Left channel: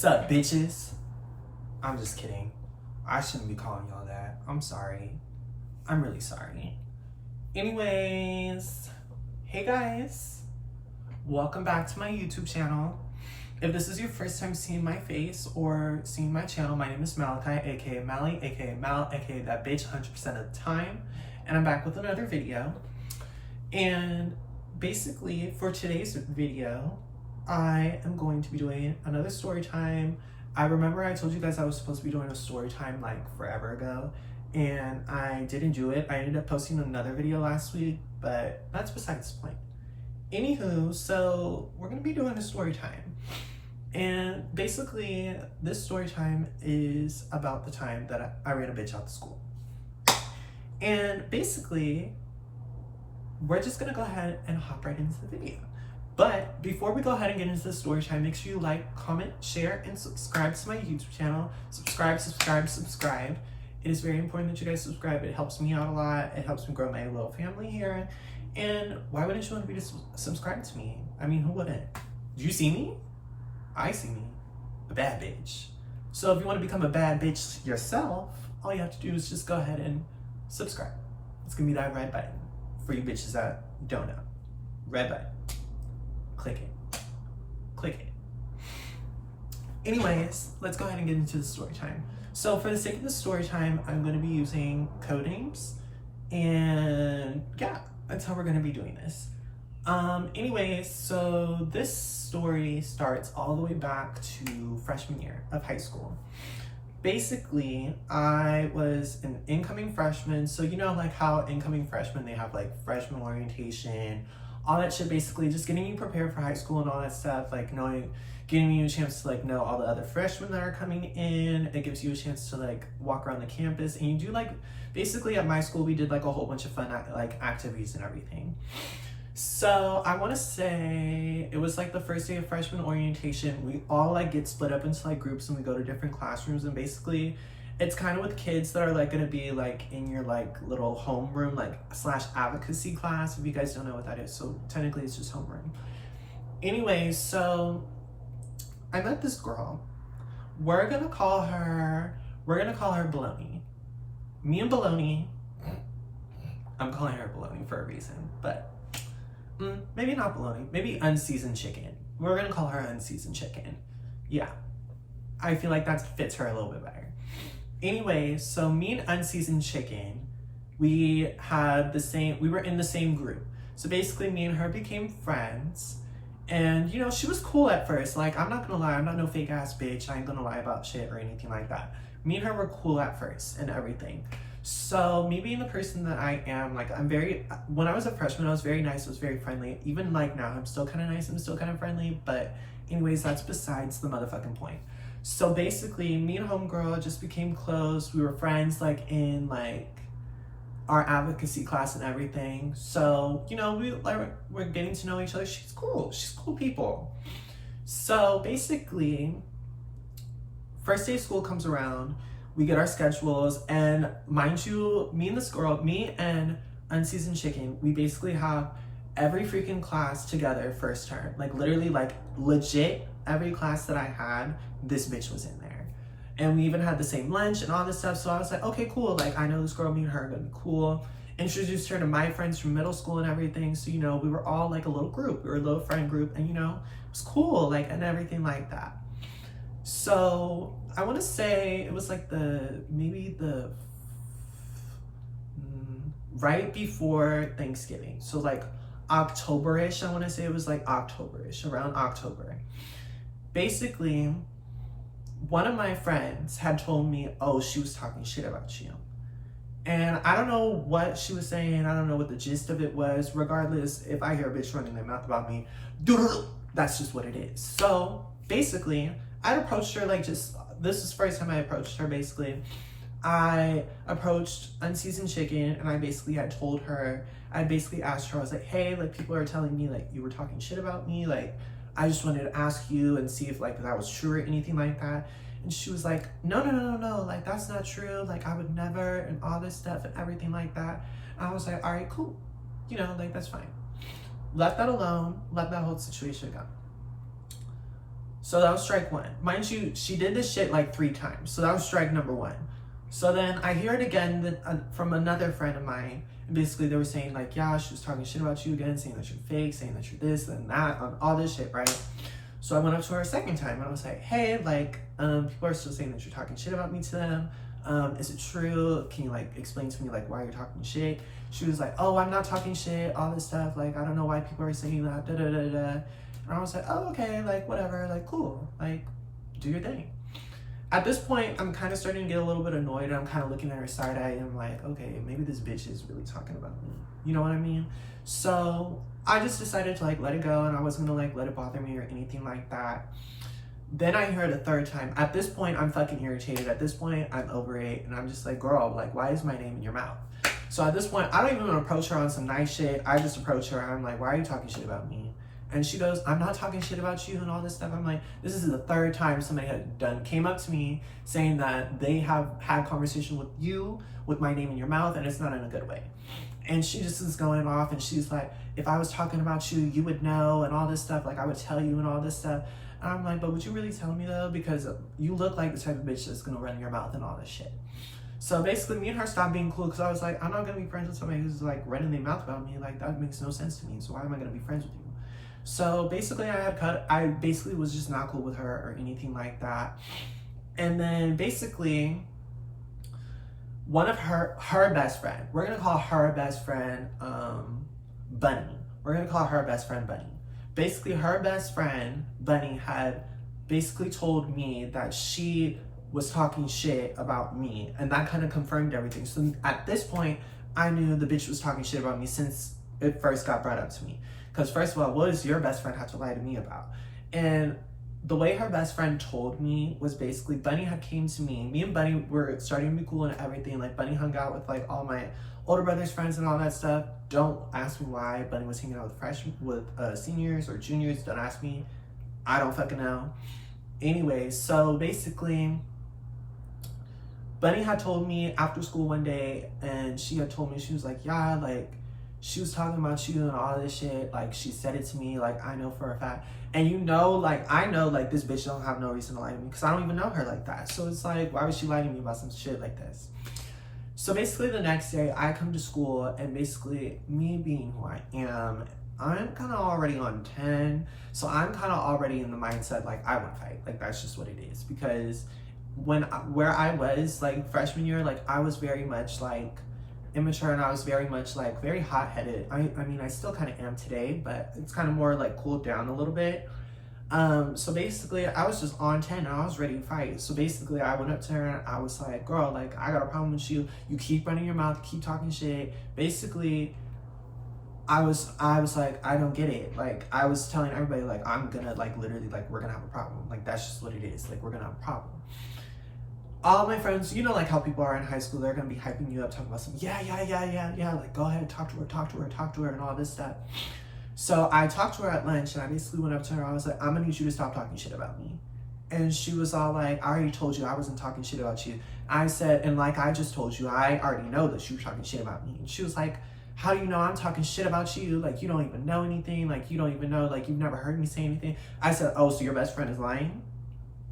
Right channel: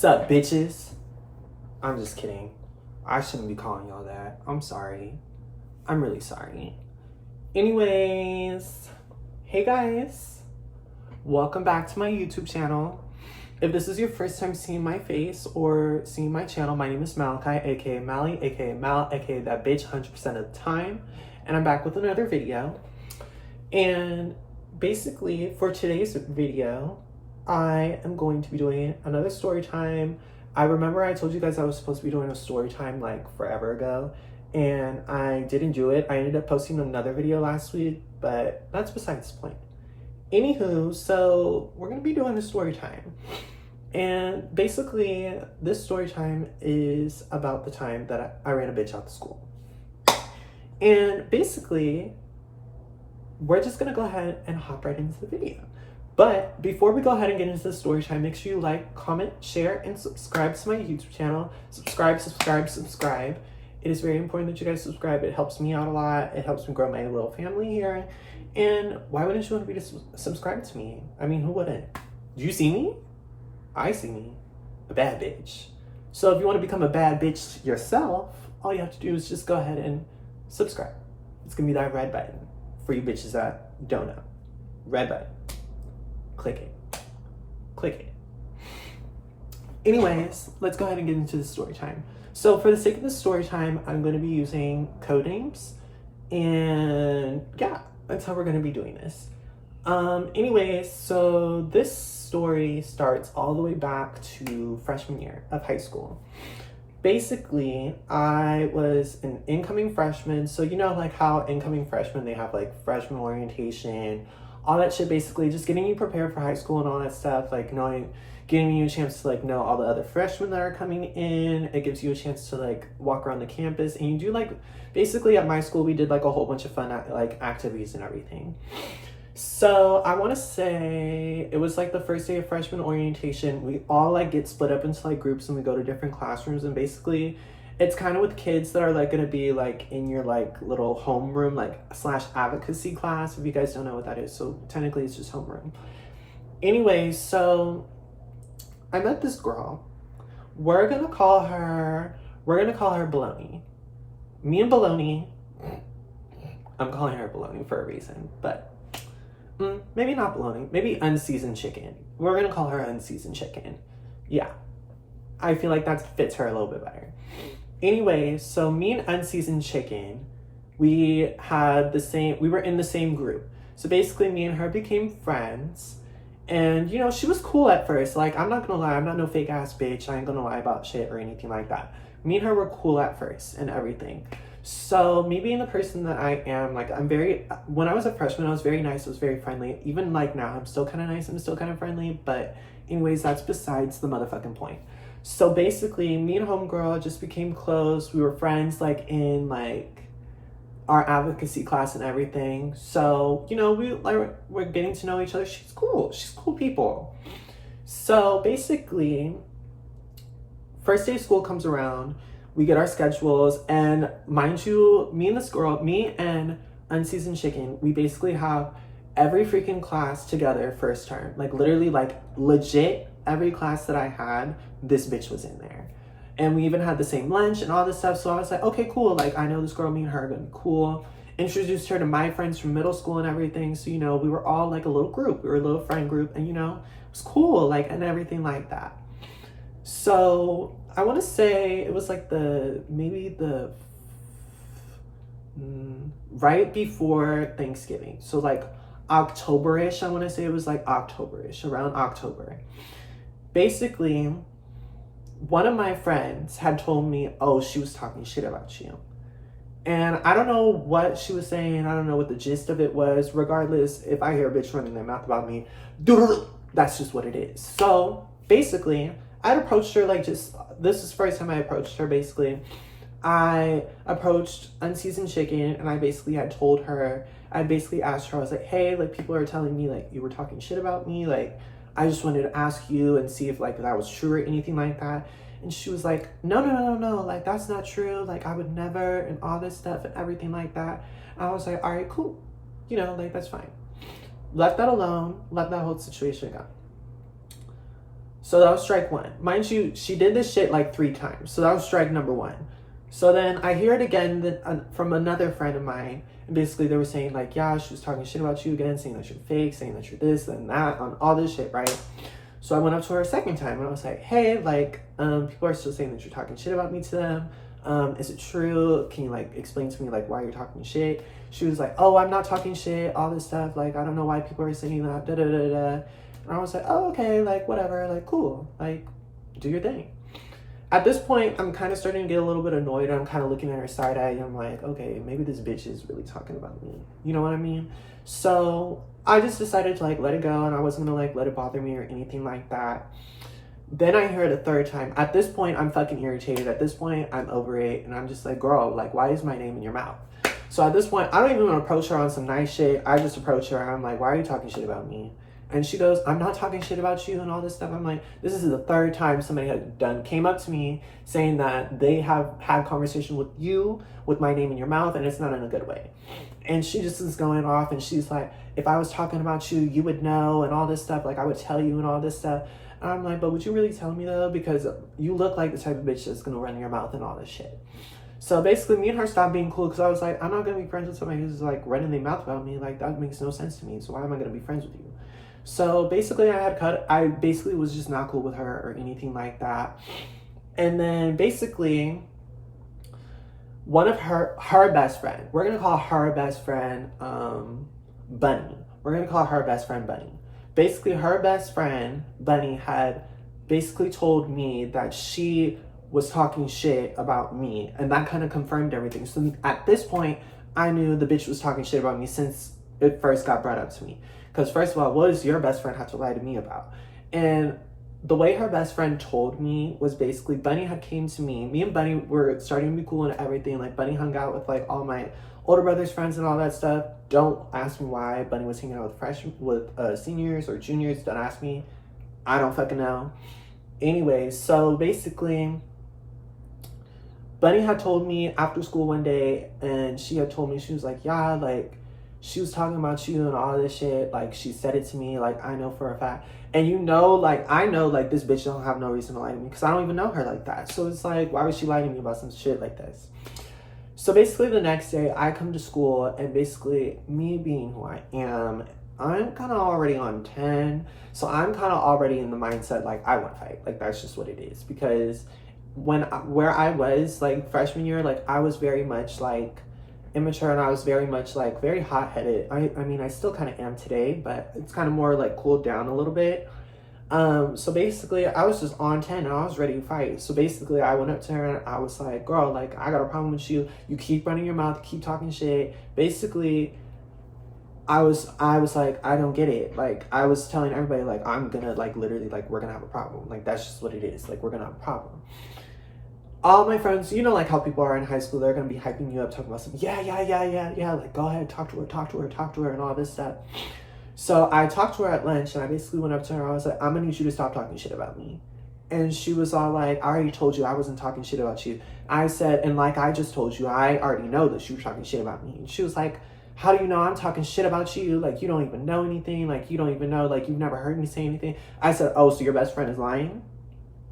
Sup, bitches? I'm just kidding. I shouldn't be calling y'all that. I'm sorry. I'm really sorry. Anyways, hey guys. Welcome back to my YouTube channel. If this is your first time seeing my face or seeing my channel, my name is Malachi, aka Mally, aka Mal, aka that bitch 100% of the time. And I'm back with another video. And basically, for today's video, I am going to be doing another story time. I remember I told you guys I was supposed to be doing a story time like forever ago, and I didn't do it. I ended up posting another video last week, but that's besides the point. Anywho, so we're gonna be doing a story time. And basically, this story time is about the time that I ran a bitch out of school. And basically, we're just gonna go ahead and hop right into the video. But before we go ahead and get into the story time, make sure you like, comment, share, and subscribe to my YouTube channel. Subscribe. It is very important that you guys subscribe. It helps me out a lot. It helps me grow my little family here. And why wouldn't you want to be subscribed to me? I mean, who wouldn't? Do you see me? I see me. A bad bitch. So if you want to become a bad bitch yourself, all you have to do is just go ahead and subscribe. It's going to be that red button for you bitches that don't know. Red button. Click it. Anyways, let's go ahead and get into the story time. So for the sake of the story time, I'm going to be using code names, and yeah, that's how we're going to be doing this. Anyways, so this story starts all the way back to freshman year of high school. Basically, I was an incoming freshman. So you know like how incoming freshmen, they have like freshman orientation, all that shit, basically just getting you prepared for high school and all that stuff, like getting you a chance to like know all the other freshmen that are coming in. It gives you a chance to like walk around the campus, and you do like, basically at my school we did like a whole bunch of fun like activities and everything. So I want to say it was like the first day of freshman orientation. We all like get split up into like groups and we go to different classrooms, and basically it's kind of with kids that are like going to be like in your like little homeroom like / advocacy class, if you guys don't know what that is. So technically it's just homeroom. Anyway, so I met this girl. We're gonna call her Baloney. Me and Baloney, I'm calling her Baloney for a reason, but maybe not Baloney, maybe unseasoned chicken. We're gonna call her unseasoned chicken. Yeah, I feel like that fits her a little bit better. Anyway, so me and unseasoned chicken, we were in the same group. So basically me and her became friends. And you know, she was cool at first. Like, I'm not gonna lie, I'm not no fake ass bitch. I ain't gonna lie about shit or anything like that. Me and her were cool at first and everything. So me being the person that I am, like when I was a freshman, I was very nice, I was very friendly. Even like now, I'm still kind of nice, I'm still kind of friendly. But anyways, that's besides the motherfucking point. So basically, me and homegirl just became close. We were friends like in like our advocacy class and everything. So, you know, we're getting to know each other. She's cool people. So basically, first day of school comes around, we get our schedules, and mind you, me and unseasoned chicken, we basically have every freaking class together first term. Like literally, like legit every class that I had, this bitch was in there. And we even had the same lunch and all this stuff. So I was like, okay, cool. Like, I know this girl, me and her are gonna be cool. Introduced her to my friends from middle school and everything. So, you know, we were all like a little group. We were a little friend group, and, you know, it was cool, like, and everything like that. So I want to say it was like right before Thanksgiving. So like October-ish, I want to say it was like October-ish, around October. Basically, one of my friends had told me, oh, she was talking shit about you. And I don't know what she was saying. I don't know what the gist of it was. Regardless, if I hear a bitch running their mouth about me, that's just what it is. So basically, I'd approached her like this is the first time I approached her, basically. I approached unseasoned chicken, and I basically had told her, I basically asked her, I was like, hey, like people are telling me like you were talking shit about me. Like, I just wanted to ask you and see if like that was true or anything like that. And she was like, no, like that's not true. Like I would never, and all this stuff and everything like that. And I was like, all right, cool. You know, like that's fine. Left that alone, let that whole situation go. So that was strike one. Mind you, she did this shit like 3 times. So that was strike number 1. So then I hear it again from another friend of mine. And basically they were saying like, yeah, she was talking shit about you again, saying that you're fake, saying that you're this and that, on all this shit, right? So I went up to her a second time and I was like, hey, like, people are still saying that you're talking shit about me to them. Is it true? Can you like explain to me like why you're talking shit? She was like, oh, I'm not talking shit, all this stuff. Like, I don't know why people are saying that, da da da da. And I was like, oh, okay, like whatever, like cool, like do your thing. At this point, I'm kind of starting to get a little bit annoyed. I'm kind of looking at her side eye and I'm like, okay, maybe this bitch is really talking about me. You know what I mean? So I just decided to like let it go and I wasn't gonna like let it bother me or anything like that. Then I hear it a third time. At this point, I'm fucking irritated. At this point, I'm over it. And I'm just like, girl, like, why is my name in your mouth? So at this point, I don't even want to approach her on some nice shit. I just approach her. I'm like, why are you talking shit about me? And she goes, I'm not talking shit about you and all this stuff. I'm like, this is the third time somebody came up to me saying that they have had conversation with you with my name in your mouth and it's not in a good way. And she just is going off and she's like, if I was talking about you, you would know and all this stuff. Like I would tell you and all this stuff. And I'm like, but would you really tell me though? Because you look like the type of bitch that's gonna run your mouth and all this shit. So basically me and her stopped being cool because I was like, I'm not gonna be friends with somebody who's like running their mouth about me. Like that makes no sense to me. So why am I gonna be friends with you? So basically I basically was just not cool with her or anything like that. And then basically one of her best friend, we're gonna call her best friend Bunny. We're gonna call her best friend Bunny. Basically her best friend Bunny had basically told me that she was talking shit about me and that kind of confirmed everything. So at this point I knew the bitch was talking shit about me since it first got brought up to me. Because first of all, what does your best friend have to lie to me about? And the way her best friend told me was basically Bunny had came to me. Me and Bunny were starting to be cool and everything. Like Bunny hung out with like all my older brother's friends and all that stuff. Don't ask me why Bunny was hanging out with seniors or juniors. Don't ask me. I don't fucking know. Anyways, so basically Bunny had told me after school one day and she had told me, she was like, yeah, like she was talking about you and all this shit. Like she said it to me, like I know for a fact. And you know, like I know like this bitch don't have no reason to lie to me because I don't even know her like that. So it's like, why would she lie to me about some shit like this? So basically the next day I come to school and basically me being who I am, I'm kind of already on 10. So I'm kind of already in the mindset like I want to fight. Like that's just what it is. Because where I was like freshman year, like I was very much like immature and I was very much like very hot-headed. I mean I still kind of am today, but it's kind of more like cooled down a little bit. So basically I was just on 10 and I was ready to fight. So basically I went up to her and I was like, girl, like I got a problem with you. You keep running your mouth, keep talking shit. Basically I was like, I don't get it. Like I was telling everybody like I'm gonna like literally like we're gonna have a problem. Like that's just what it is. Like we're gonna have a problem. All my friends, you know, like how people are in high school, they're gonna be hyping you up, talking about some, yeah, like go ahead, talk to her, and all this stuff. So I talked to her at lunch, and I basically went up to her, and I was like, I'm gonna need you to stop talking shit about me. And she was all like, I already told you I wasn't talking shit about you. I said, and like I just told you, I already know that you were talking shit about me. And she was like, how do you know I'm talking shit about you? Like, you don't even know anything. Like, you don't even know, like, you've never heard me say anything. I said, oh, so your best friend is lying?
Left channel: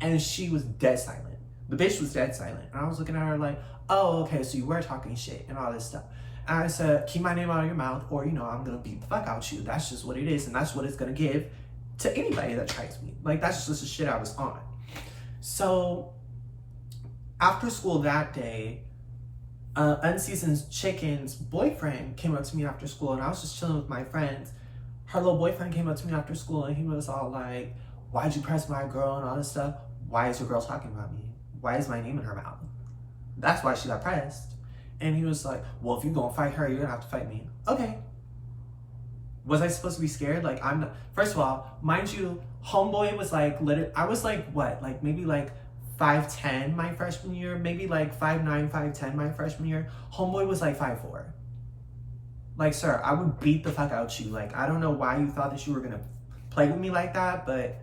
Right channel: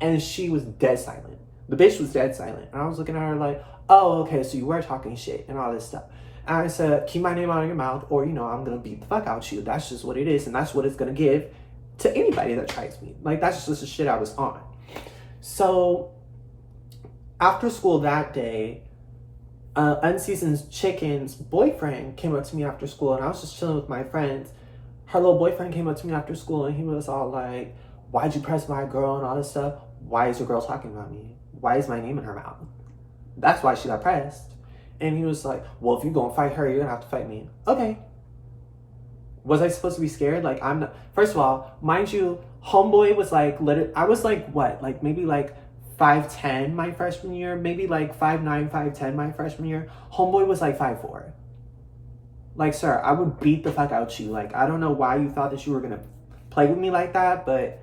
And she was dead silent. The bitch was dead silent. And I was looking at her like, oh, okay, so you were talking shit and all this stuff. And I said, keep my name out of your mouth or, you know, I'm going to beat the fuck out of you. That's just what it is. And that's what it's going to give to anybody that tries me. Like, that's just the shit I was on. So after school that day, Unseasoned Chicken's boyfriend came up to me after school and I was just chilling with my friends. Her little boyfriend came up to me after school and he was all like, why'd you press my girl and all this stuff? Why is your girl talking about me? Why is my name in her mouth? That's why she got pressed. And he was like, well, if you're gonna fight her, you're gonna have to fight me. Okay. Was I supposed to be scared? Like, I'm not. First of all, mind you, homeboy was like, I was like, what? Like, maybe like 5'10" my freshman year. Maybe like 5'9", 5'10" my freshman year. Homeboy was like 5'4". Like, sir, I would beat the fuck out you. Like, I don't know why you thought that you were gonna play with me like that, but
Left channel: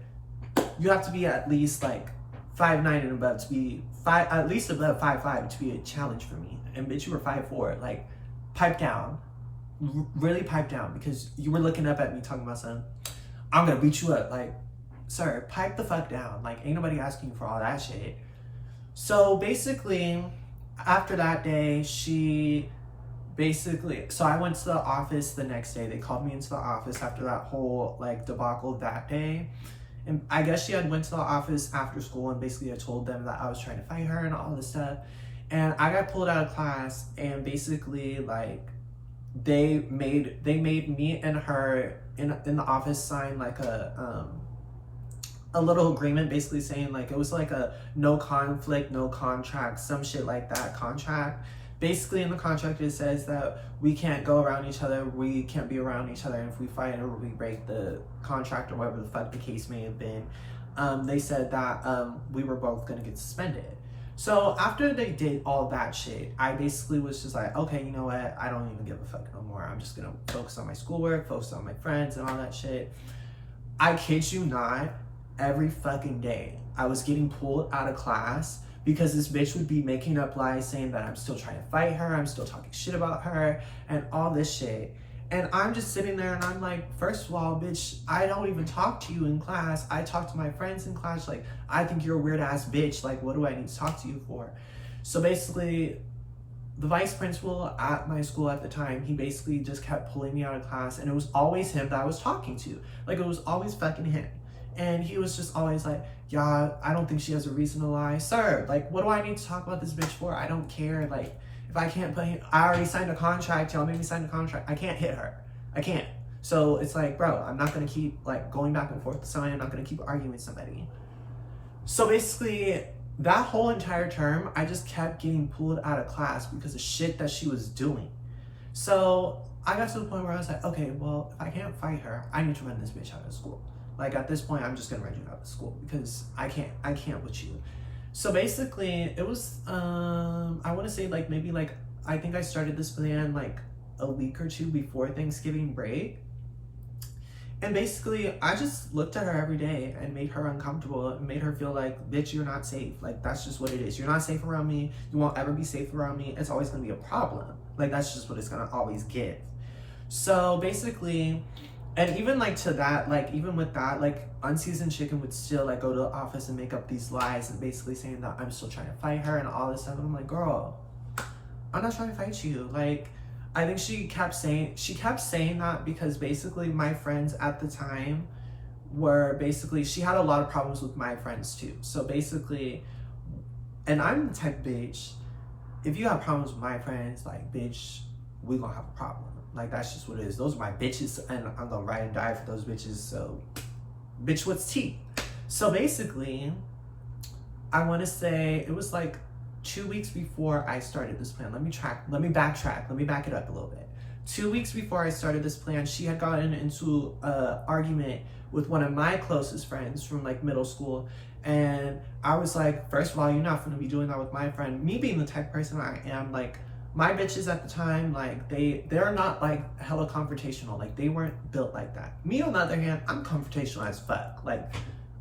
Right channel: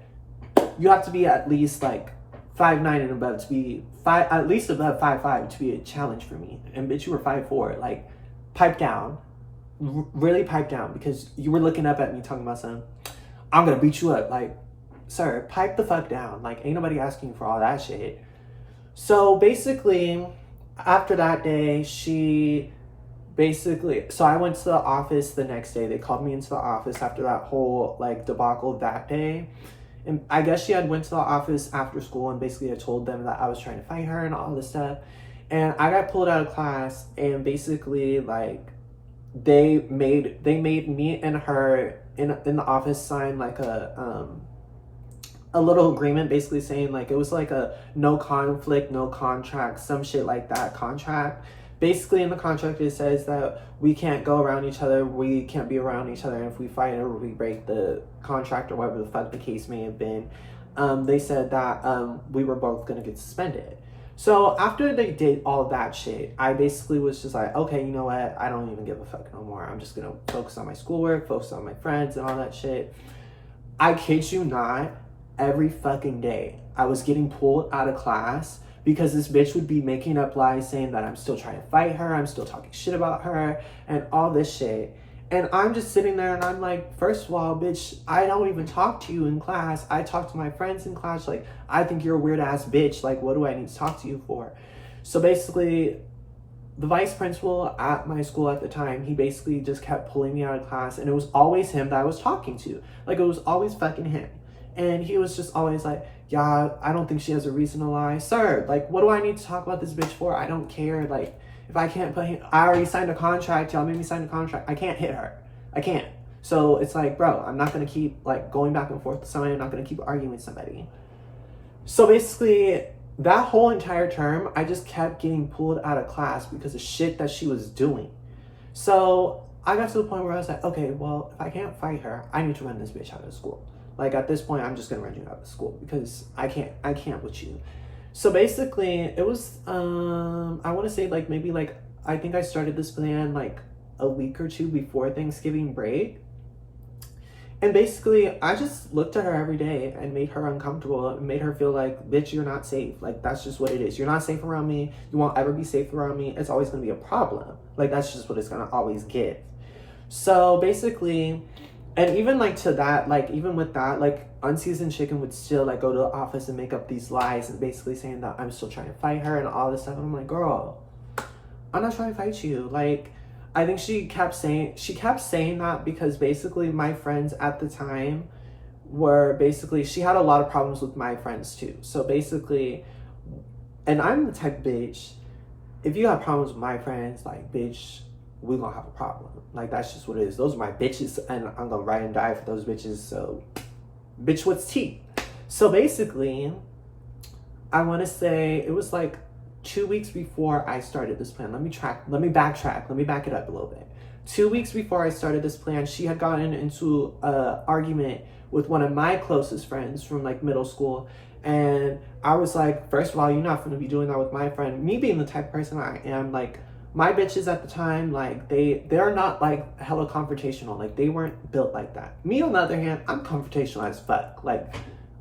you have to be at least like 5'9" and above to be at least above 5'5" to be a challenge for me. And bitch, you were 5'4". Like, pipe down, really pipe down, because you were looking up at me talking about something. I'm gonna beat you up. Like, sir, pipe the fuck down. Like, ain't nobody asking you for all that shit. So basically, after that day, so I went to the office the next day. They called me into the office after that whole like debacle that day. And I guess she had went to the office after school and basically I told them that I was trying to fight her and all this stuff. And I got pulled out of class, and basically like they made me and her in the office sign like a little agreement, basically saying like it was like a no conflict, no contract, some shit like that contract. Basically in the contract it says that we can't go around each other, we can't be around each other, and if we fight or we break the contract or whatever the fuck the case may have been, they said that we were both gonna get suspended. So after they did all that shit, I basically was just like, okay, you know what, I don't even give a fuck no more. I'm just gonna focus on my schoolwork, focus on my friends and all that shit. I kid you not, every fucking day I was getting pulled out of class because this bitch would be making up lies saying that I'm still trying to fight her, I'm still talking shit about her, and all this shit. And I'm just sitting there and I'm like, first of all, bitch, I don't even talk to you in class. I talk to my friends in class. Like, I think you're a weird ass bitch. Like, what do I need to talk to you for? So basically, the vice principal at my school at the time, he basically just kept pulling me out of class, and it was always him that I was talking to. Like, it was always fucking him. And he was just always like, yeah, I don't think she has a reason to lie. Sir, like, what do I need to talk about this bitch for? I don't care. Like, if I can't put him, I already signed a contract. Y'all made me sign a contract. I can't hit her. I can't. So it's like, bro, I'm not going to keep, like, going back and forth with somebody. I'm not going to keep arguing with somebody. So basically, that whole entire term, I just kept getting pulled out of class because of shit that she was doing. So I got to the point where I was like, okay, well, if I can't fight her, I need to run this bitch out of school. Like, at this point, I'm just gonna run you out of school because I can't with you. So basically, it was, I want to say like maybe like, I think I started this plan like a week or two before Thanksgiving break. And basically, I just looked at her every day and made her uncomfortable and made her feel like, bitch, you're not safe. Like, that's just what it is. You're not safe around me. You won't ever be safe around me. It's always gonna be a problem. Like, that's just what it's gonna always give. So basically, and even like to that, like even with that, like Unseasoned Chicken would still like go to the office and make up these lies and basically saying that I'm still trying to fight her and all this stuff. And I'm like, girl, I'm not trying to fight you. Like, I think she kept saying that because basically my friends at the time were basically, she had a lot of problems with my friends too. So basically, and I'm the type of bitch, if you have problems with my friends, like, bitch, we gonna have a problem. Like, that's just what it is. Those are my bitches, and I'm gonna ride and die for those bitches. So, bitch, what's tea? So basically, I want to say it was like 2 weeks before I started this plan. Let me backtrack. Let me back it up a little bit. 2 weeks before I started this plan, she had gotten into an argument with one of my closest friends from like middle school. And I was like, first of all, you're not gonna be doing that with my friend. Me being the type of person I am, like, my bitches at the time, like, they're not like hella confrontational. Like, they weren't built like that. Me, on the other hand, I'm confrontational as fuck. Like,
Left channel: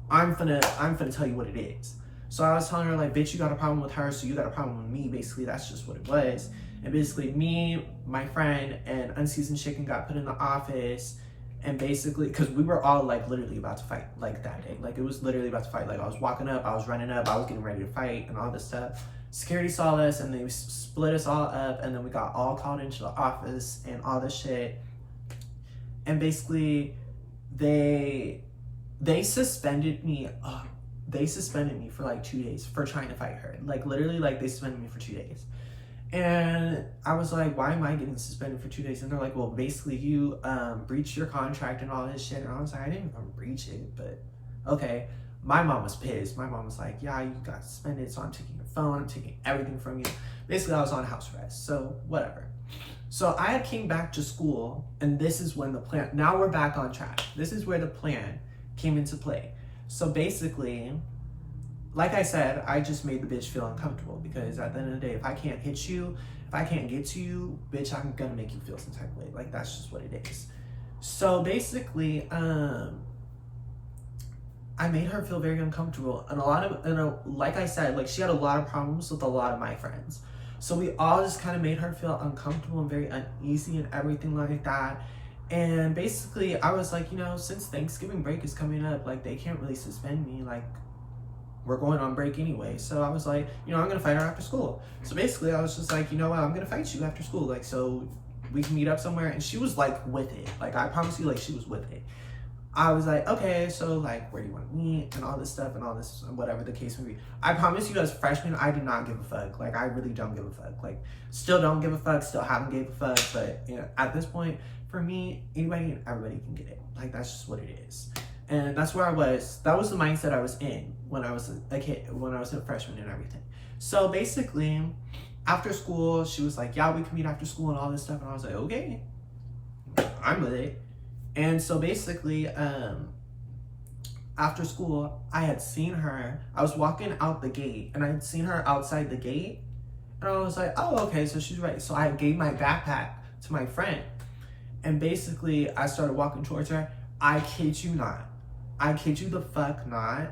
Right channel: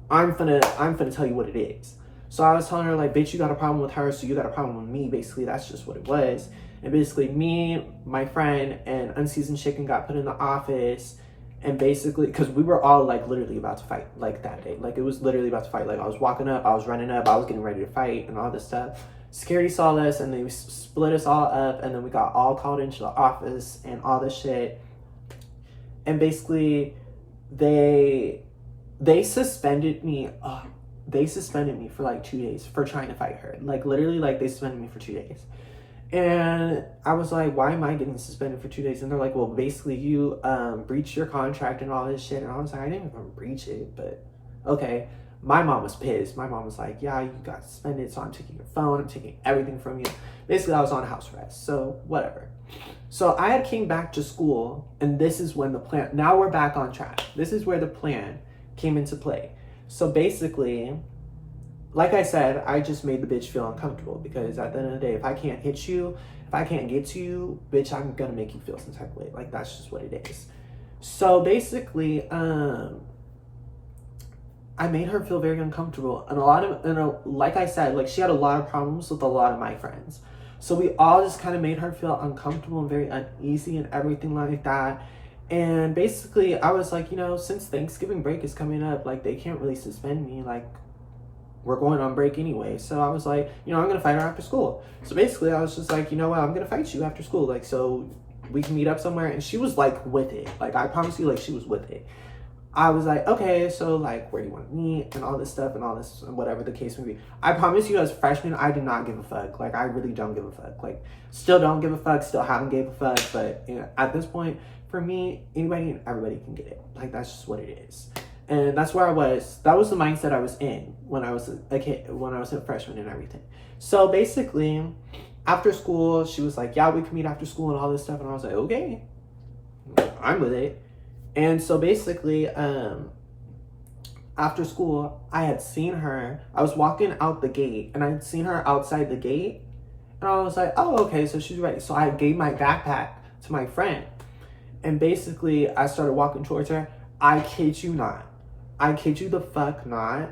I'm finna tell you what it is. So I was telling her, like, bitch, you got a problem with her, so you got a problem with me. Basically, that's just what it was. And basically, me, my friend, and Unseasoned Chicken got put in the office. And basically, because we were all like literally about to fight, like, that day. Like, it was literally about to fight. Like, I was walking up, I was running up, I was getting ready to fight and all this stuff. Security saw us and they split us all up, and then we got all called into the office and all this shit. And basically, they suspended me. They suspended me for like 2 days for trying to fight her. Like, literally, like, they suspended me for 2 days. And I was like, why am I getting suspended for 2 days? And they're like, well, basically you breached your contract and all this shit. And I was like, I didn't even breach it, but okay. My mom was pissed. My mom was like, yeah, you got suspended, so I'm taking your phone, I'm taking everything from you. Basically, I was on house arrest, so whatever. So I had came back to school, and this is when the plan, now we're back on track. This is where the plan came into play. So basically, like I said, I just made the bitch feel uncomfortable because at the end of the day, if I can't hit you, if I can't get to you, bitch, I'm gonna make you feel some type of way. Like, that's just what it is. So basically, I made her feel very uncomfortable. And like I said, like, she had a lot of problems with a lot of my friends. So we all just kind of made her feel uncomfortable and very uneasy and everything like that. And basically, I was like, since Thanksgiving break is coming up, like, they can't really suspend me. Like, we're going on break anyway. So I was like, I'm going to fight her after school. So basically, I was just like, you know what? I'm going to fight you after school. Like, so we can meet up somewhere. And she was, like, with it. Like, I promise you, like, she was with it. I was like, okay, so, like, where do you want to meet? And all this stuff and all this, whatever the case may be. I promise you, as a freshman, I did not give a fuck. Like, I really don't give a fuck. Like, still don't give a fuck. Still haven't gave a fuck. But, at this point, for me, anybody and everybody can get it. Like, that's just what it is. And that's where I was. That was the mindset I was in when I was a kid, when I was a freshman and everything. So basically, after school, she was like, yeah, we can meet after school and all this stuff. And I was like, okay, I'm with it. And so basically, after school, I had seen her. I was walking out the gate and I had seen her outside the gate. And I was like, oh, okay, so she's ready. So I gave my backpack to my friend. And basically, I started walking towards her. I kid you not. I kid you the fuck not.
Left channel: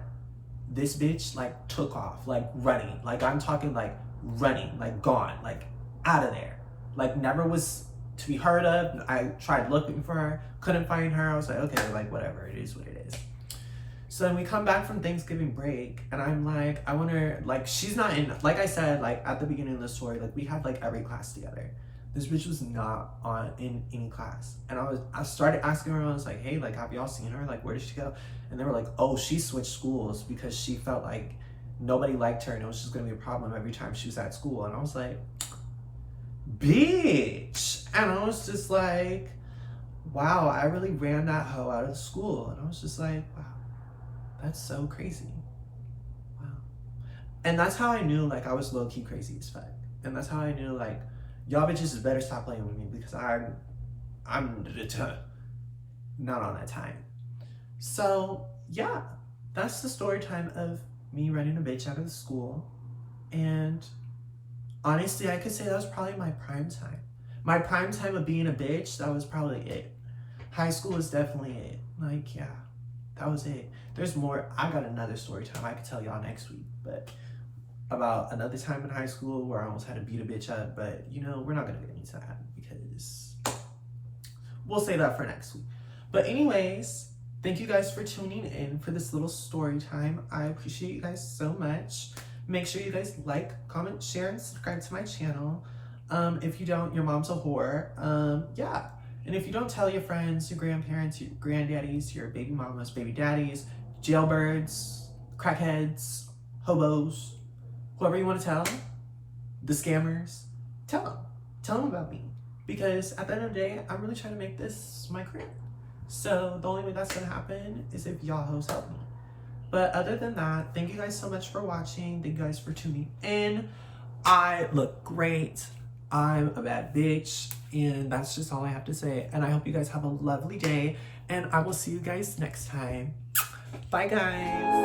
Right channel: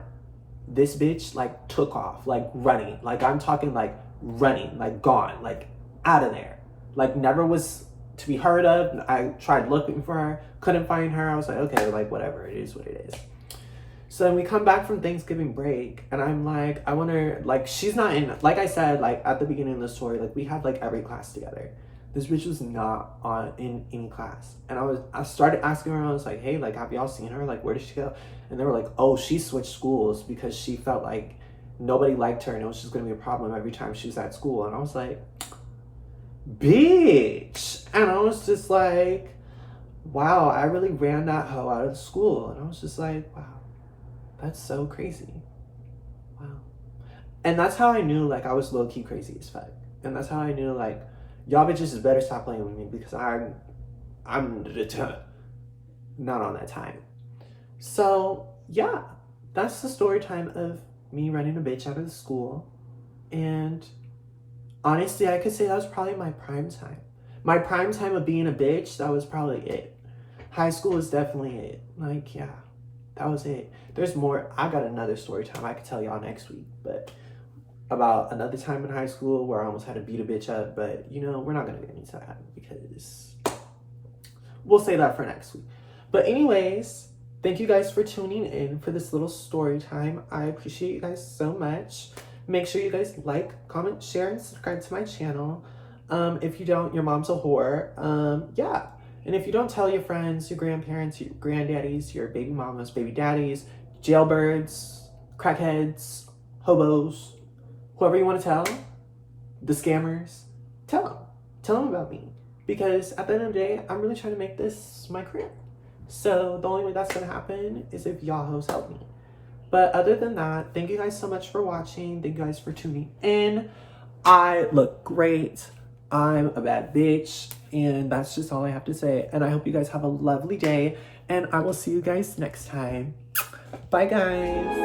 This bitch, like, took off, like, running. Like, I'm talking, like, running, like, gone, like, out of there. Like, never was to be heard of. I tried looking for her, couldn't find her. I was like, okay, like, whatever, it is what it is. So then we come back from Thanksgiving break, and I'm like, I wonder, like, she's not in, like I said, like, at the beginning of the story, like, we had, like, every class together. This bitch was not in any class. And I started asking her, I was like, hey, like, have y'all seen her? Like, where did she go? And they were like, oh, she switched schools because she felt like nobody liked her and it was just gonna be a problem every time she was at school. And I was like, bitch. And I was just like, wow, I really ran that hoe out of the school. And I was just like, wow, that's so crazy. Wow. And that's how I knew, like, I was low-key crazy as fuck. And that's how I knew, like, y'all bitches better stop playing with me because I'm not on that time. So yeah, that's the story time of me running a bitch out of the school. And honestly, I could say that was probably my prime time. My prime time of being a bitch, that was probably it. High school was definitely it. Like, yeah, that was it. There's more. I got another story time I could tell y'all next week, but about another time in high school where I almost had to beat a bitch up, but we're not gonna get into that because we'll say that for next week. But anyways, thank you guys for tuning in for this little story time. I appreciate you guys so much. Make sure you guys like, comment, share, and subscribe to my channel. If you don't, your mom's a whore. Yeah. And if you don't, tell your friends, your grandparents, your granddaddies, your baby mamas, baby daddies, jailbirds, crackheads, hobos, whoever you want to tell, the scammers, tell them about me. Because at the end of the day, I'm really trying to make this my career. So the only way that's going to happen is if y'all hoes help me. But other than that, thank you guys so much for watching. Thank you guys for tuning in. I look great. I'm a bad bitch. And that's just all I have to say. And I hope you guys have a lovely day. And I will see you guys next time. Bye, guys.